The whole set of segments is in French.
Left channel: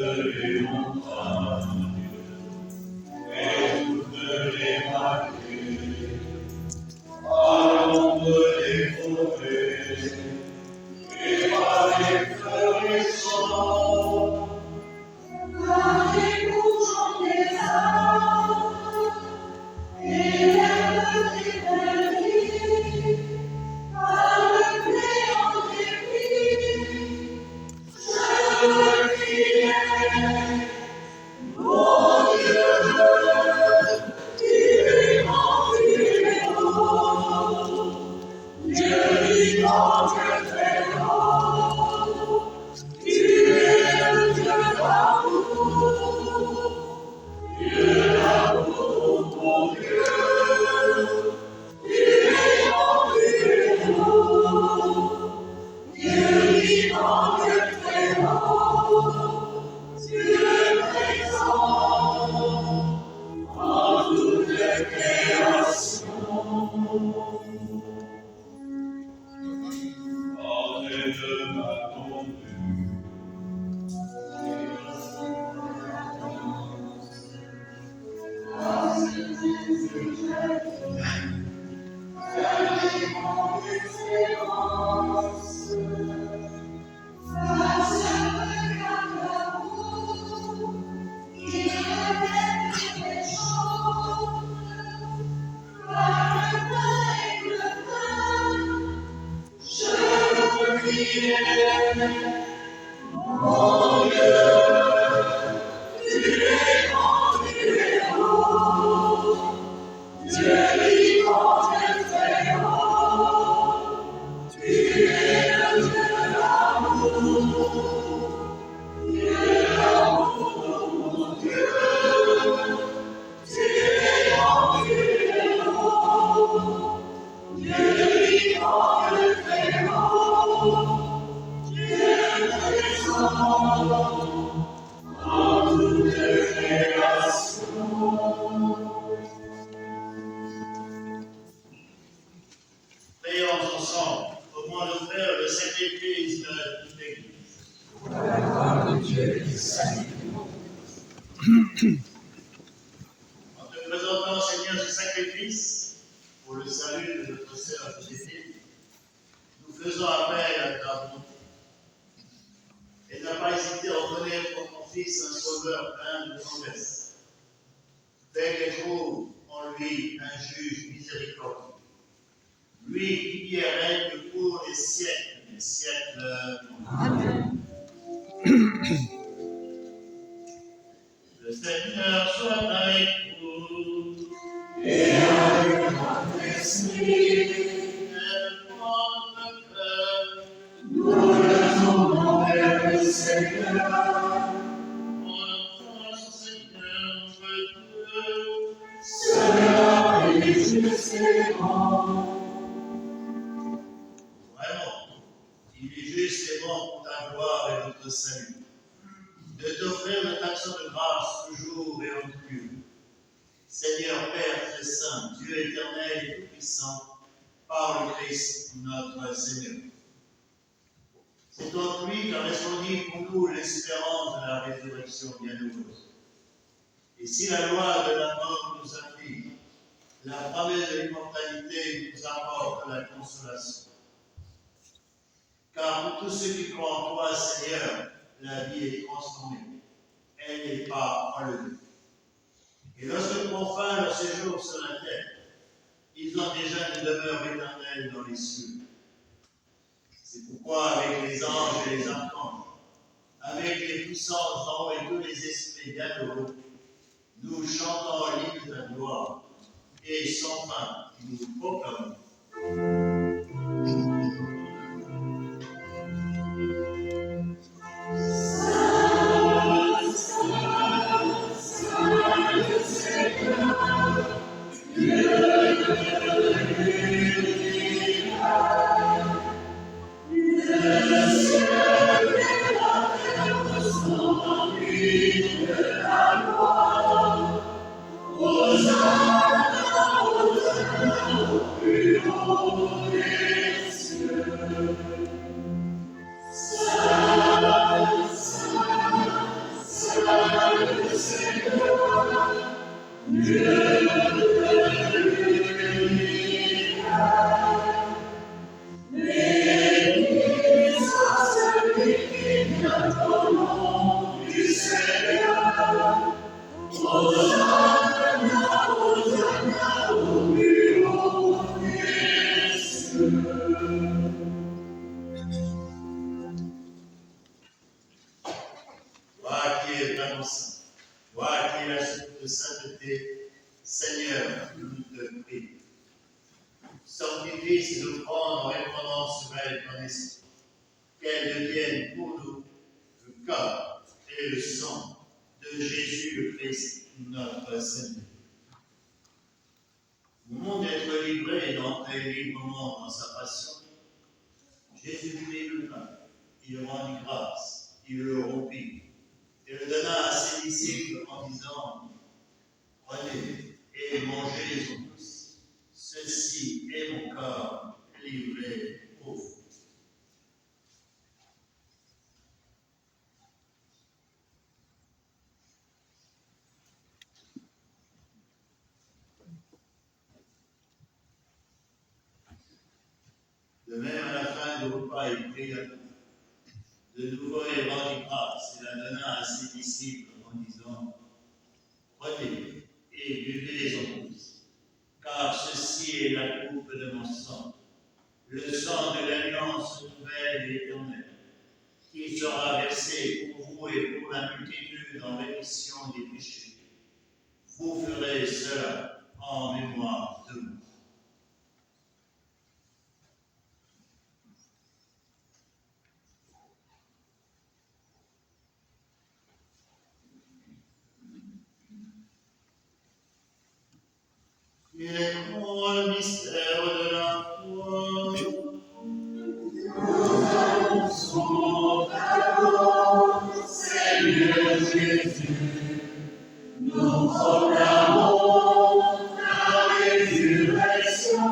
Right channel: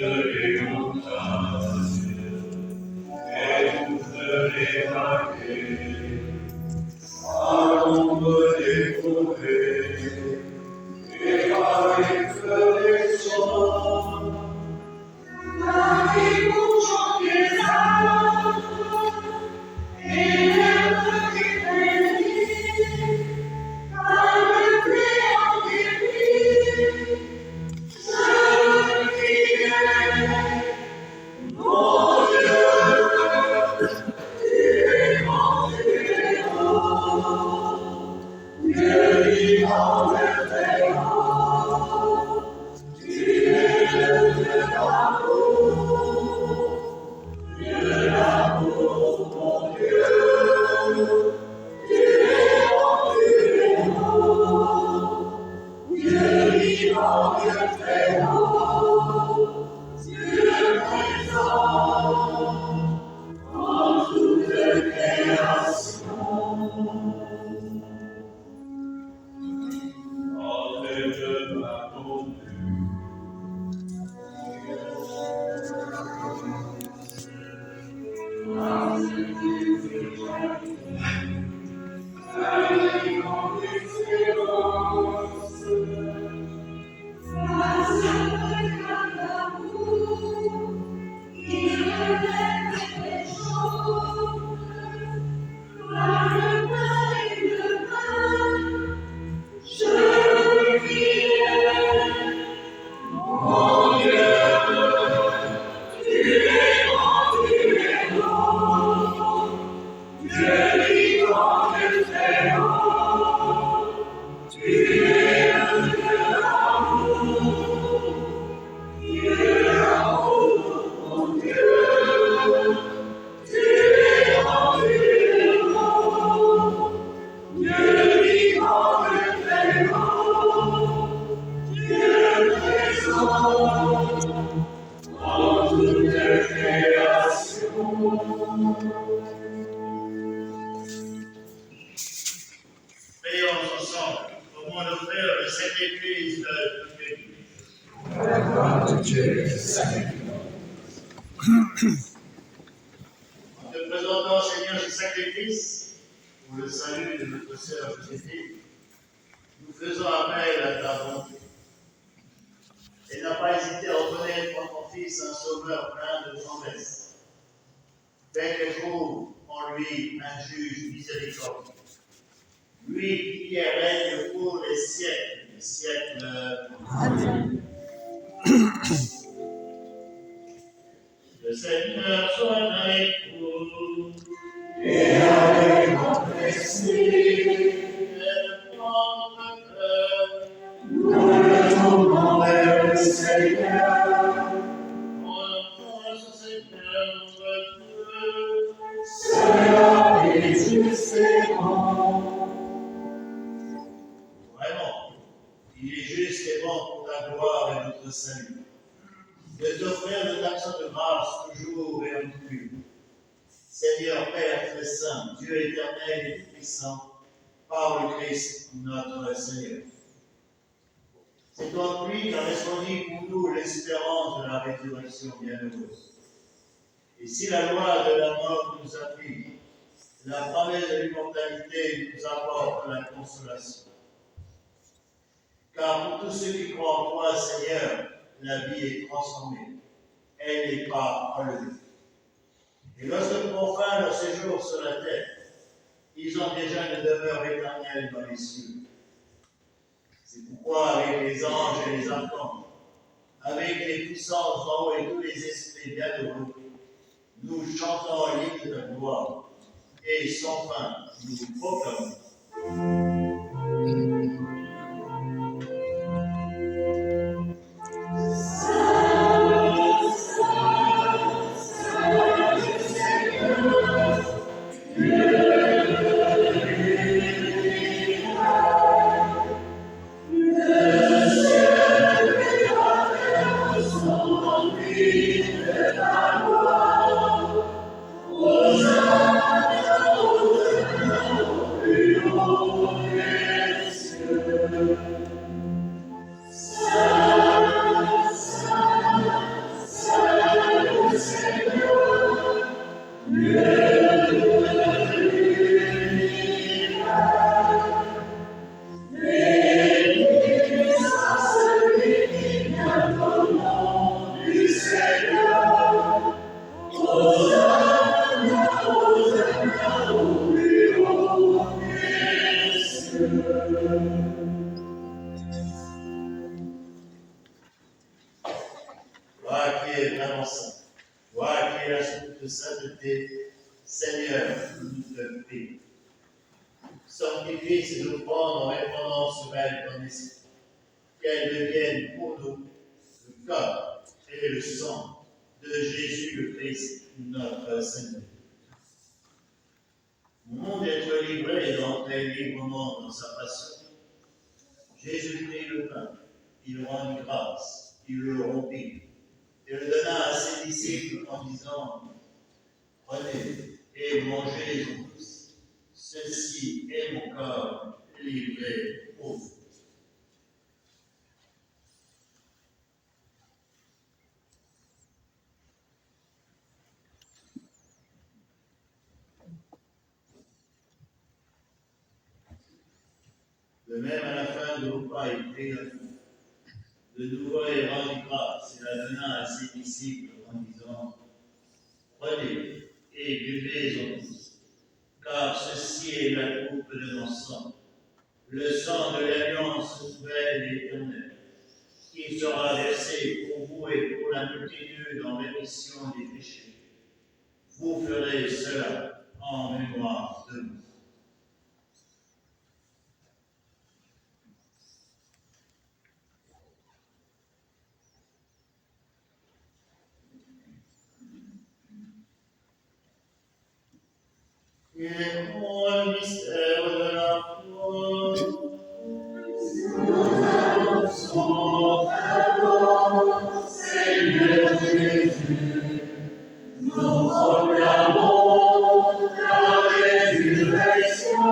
les montagnes et toutes les vallées, à l'ombre des forêts et par les fleurissements. Marie bougeant des arbres et l'herbe des prairies, par le blé en débris, je criais, mon Dieu, tu es haut, Dieu vivant et très haut, tu es le Dieu d'amour. Dieu d'amour, mon Dieu, tu es haut, Dieu vivant, Dieu très haut, Dieu présent en toute création. Entrez de ma conduite. Prions ensemble au moins d'offrir le sacrifice de toute l'Église. La gloire de Dieu est sainte. En te présentant, Seigneur, ce sacrifice pour le salut de notre sœur Joséphine, nous faisons appel à ta bonté. Elle n'a pas hésité à reconnaître en ton Fils un sauveur plein de tendresse. Fais qu'elle trouve en lui un juge miséricordieux. Lui qui est règne pour les siècles des siècles. Amen. Le Seigneur soit avec vous. Et avec votre esprit, nous retournons vers le Seigneur. Cela est juste et bon. Vraiment, il est juste et bon pour ta gloire et notre salut, de t'offrir notre action de grâce toujours et en tout lieu. Seigneur Père très saint, Dieu éternel et tout-puissant, par le Christ notre Seigneur. C'est en lui qu'a répondu pour nous l'espérance de la résurrection bienheureuse. Et si la loi de la mort nous afflige, la promesse de l'immortalité nous apporte la consolation. Car pour tous ceux qui croient en toi, Seigneur, la vie est transformée. Elle n'est pas enlevée. Et lorsque prend fin leur séjour sur la terre, ils ont déjà une demeure éternelle dans les cieux. C'est pourquoi avec les anges et les archanges, avec les puissances en haut et tous les esprits bienheureux, nous chantons l'hymne de ta gloire et sans fin nous proclamons. toi qui es vraiment saint, toi qui es la source de sainteté, Seigneur, nous te prions. Sanctifie ces offrandes en répandant sur elles ton esprit, qu'elles deviennent pour nous le corps et le sang de Jésus le Christ, notre Seigneur. Au monde d'être livré et d'entrer librement dans sa passion, Jésus prit le pain, il rendit grâce, il le rompit, et le donna à ses disciples en disant, prenez et mangez-en tous, ceci est mon corps livré pour vous. De même, à la fin du repas, il prit la coupe. De nouveau, il rendit grâce et la donna à ses disciples en disant, prenez et buvez-en tous, car ceci est la coupe de mon sang, le sang de l'alliance nouvelle et éternelle, qui sera versé pour vous et pour la multitude en rémission des péchés. Vous ferez cela en mémoire de moi. Et pour le mystère de la foi, Nous annonçons ta mort, Seigneur Jésus. Nous proclamons ta résurrection.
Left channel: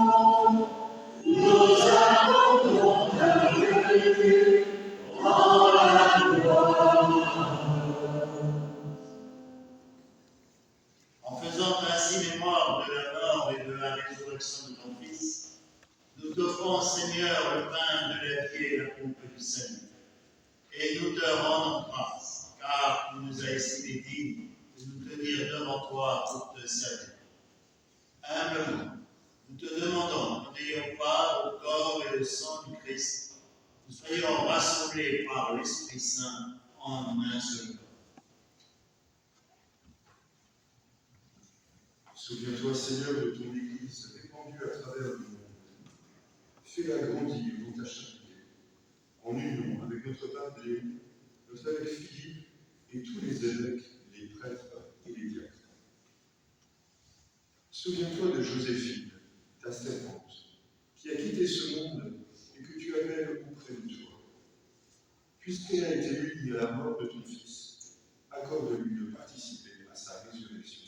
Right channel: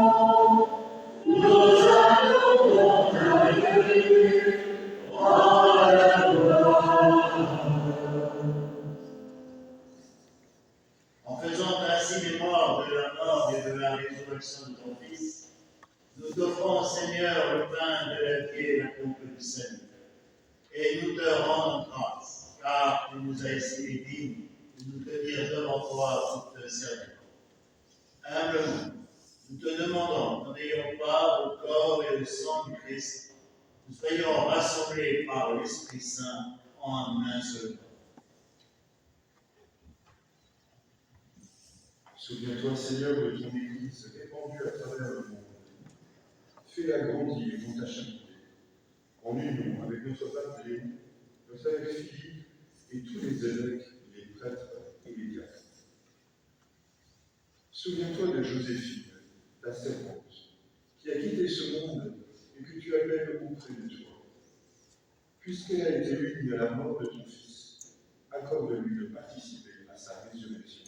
Nous attendons ta venue dans la gloire. en faisant ainsi mémoire de la mort et de la résurrection de ton Fils, nous t'offrons, Seigneur, le pain de la vie et la coupe du salut. Et nous te rendons grâce, car tu nous as estimés dignes de nous tenir devant toi pour te servir. Humblement, nous te demandons qu'en ayant part au corps et au sang du Christ, nous soyons rassemblés par l'Esprit Saint en un seul corps. Souviens-toi, Seigneur, de ton Église répandue à travers le monde. Fais-la grandir dans ta charité, en union avec notre pape Léon, notre évêque Philippe et tous les évêques, les prêtres et les diacres. Souviens-toi de Joséphine, ta servante, qui a quitté ce monde et que tu appelles auprès de toi. Puisqu'elle a été unie à la mort de ton Fils, accorde-lui de participer à sa résurrection.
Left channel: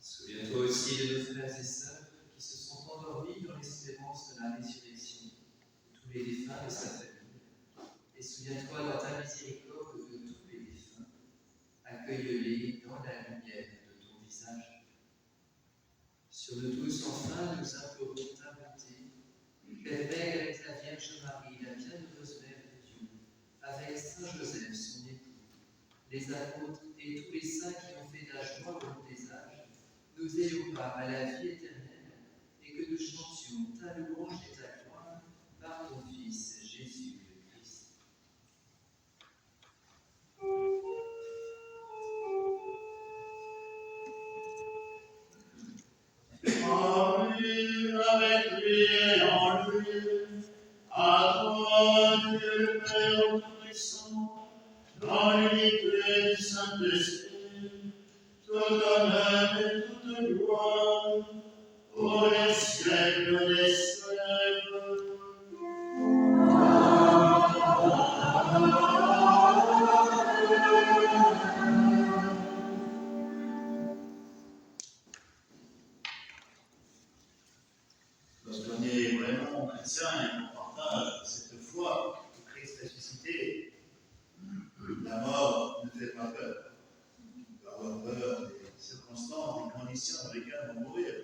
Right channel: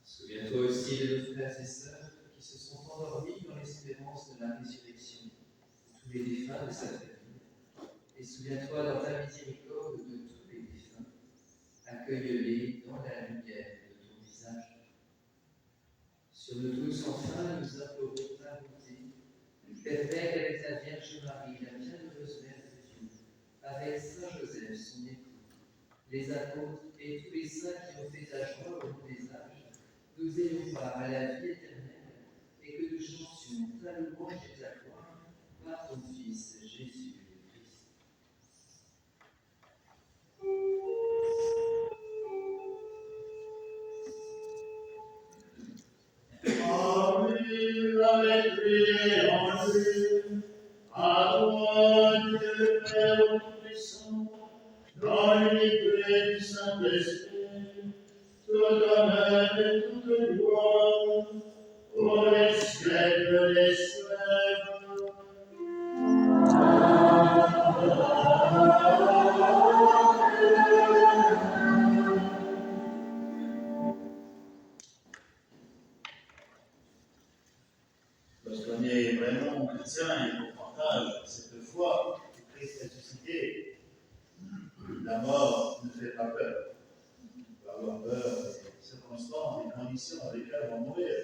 Souviens-toi aussi de nos frères et sœurs qui se sont endormis dans l'espérance de la résurrection de tous les défunts de sa famille. Et souviens-toi dans ta miséricorde de tous les défunts. Accueille-les dans la lumière de ton visage. Sur nous tous, enfin, nous implorons ta bonté. Permets avec la Vierge Marie, la bienheureuse Mère de Dieu, avec Saint Joseph, son époux, les apôtres et tous les saints qui ont fait ta joie au long des âges, nous ayons part à la vie éternelle et que nous chantions ta louange et ta gloire par ton Fils Jésus le Christ. Amen, avec lui et en lui, à toi, Dieu le Père Tout-Puissant, dans l'unité du Saint-Esprit, tout honneur et toute gloire, pour les siècles des siècles. Lorsqu'on est vraiment chrétien et qu'on partage cette foi que Christ a suscité, la mort ne fait pas peur. On peut avoir peur des circonstances, des conditions dans lesquelles on va mourir.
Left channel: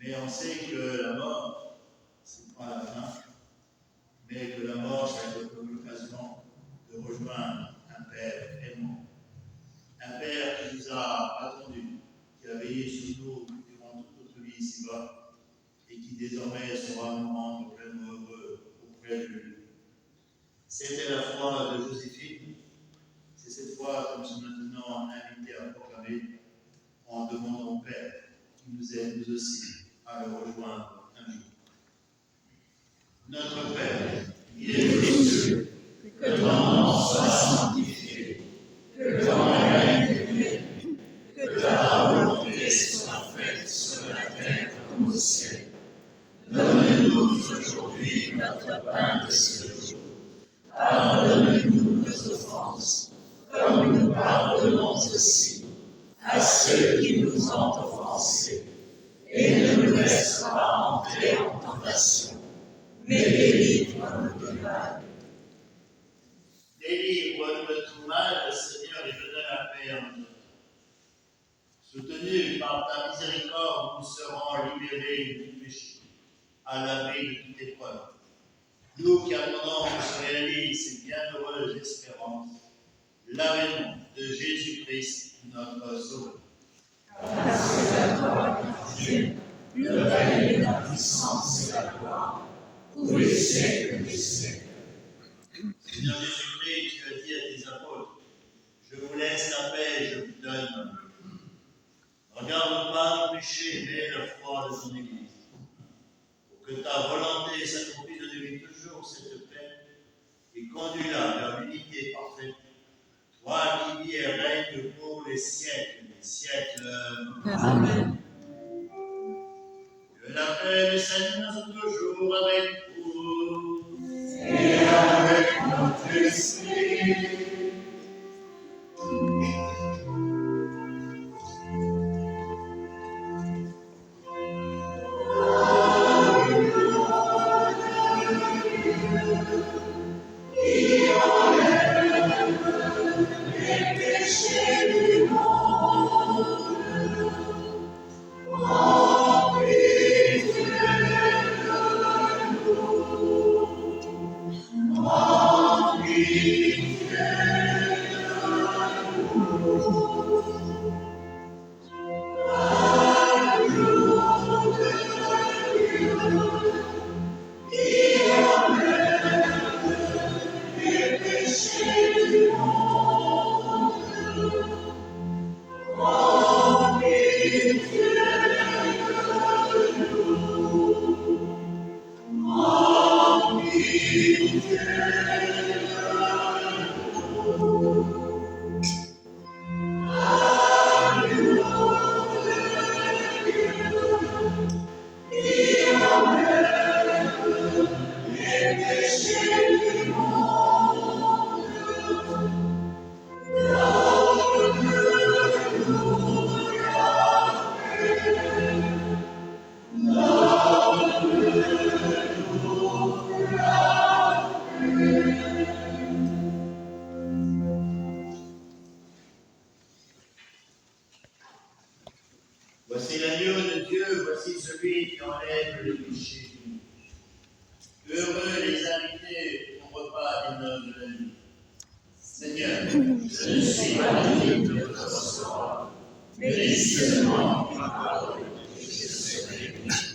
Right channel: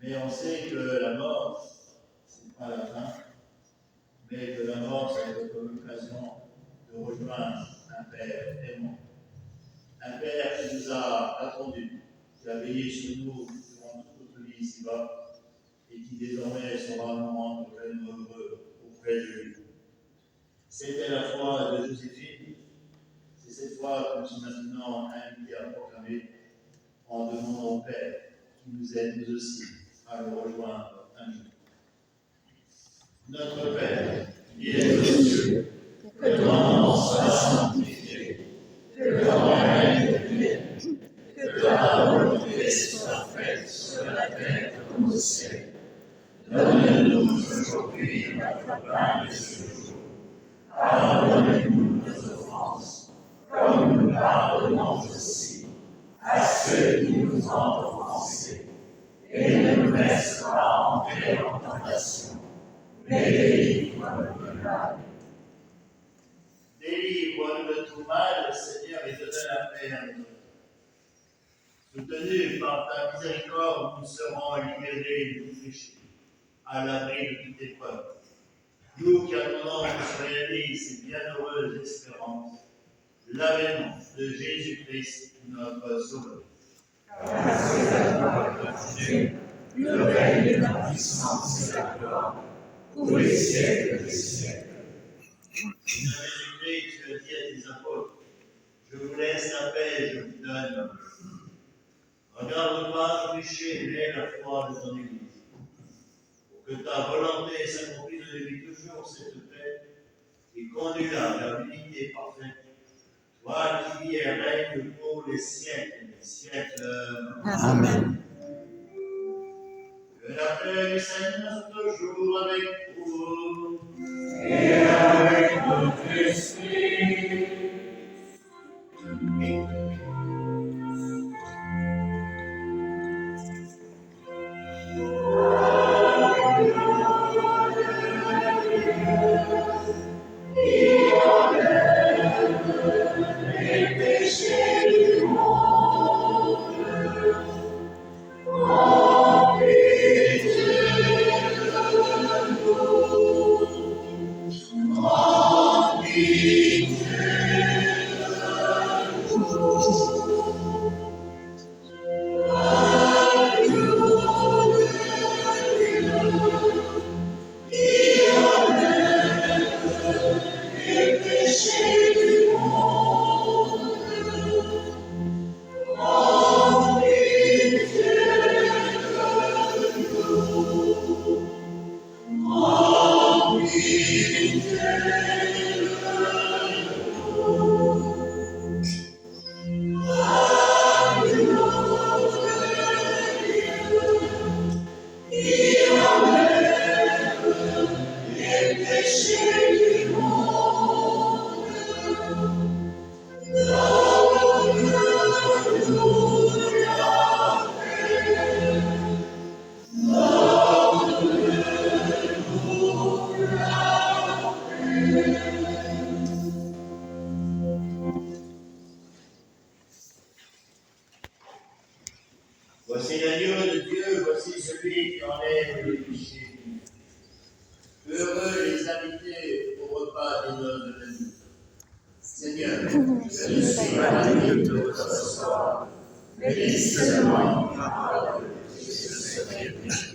Mais on sait que la mort, ce n'est pas la fin, mais que la mort, ça va être comme l'occasion de rejoindre un Père aimant. Un Père qui nous a attendus, qui a veillé sur nous durant toute notre vie ici-bas, et qui désormais saura nous rendre pleinement heureux auprès de lui. C'était la foi de Joséphine. C'est cette foi que nous sommes maintenant invités à proclamer en demandant au Père qui nous aide nous aussi à le rejoindre un jour. Notre Père, qui es aux cieux, que ton nom soit sanctifié, que ton règne vienne, que ta volonté soit faite sur la terre comme au ciel. Donne-nous aujourd'hui notre pain de ce jour. Pardonne-nous nos offenses, comme nous pardonnons aussi à ceux qui nous ont offensés. Et ne nous laisse pas entrer en tentation, mais délivre-nous du mal. Délivre-nous de tout mal, Seigneur, et donne la paix à notre vie. Soutenus par ta miséricorde, nous serons libérés de tout péché, à l'abri de toute épreuve. Nous qui attendons que se réalise cette bienheureuse espérance, l'avènement de Jésus-Christ, notre Sauveur. Grâce à toi, Dieu, le règne, la puissance et la gloire, pour les siècles des siècles. Seigneur Jésus-Christ, tu as dit à tes apôtres, je vous laisse la paix, je vous donne. Regarde pas nos péchés, mais la foi de ton Église. Pour que ta volonté s'accomplisse de lui toujours cette paix et conduis-la vers l'unité parfaite. Toi qui vis et règnes pour les siècles des siècles. Amen. Que la paix du Seigneur soit toujours avec vous. Et avec notre esprit. Voici l'agneau de Dieu, voici celui qui enlève les péchés du monde. Heureux les invités au repas des noces de la nuit. Seigneur, je ne suis pas digne de te recevoir, mais dis seulement une parole et je serai guéri.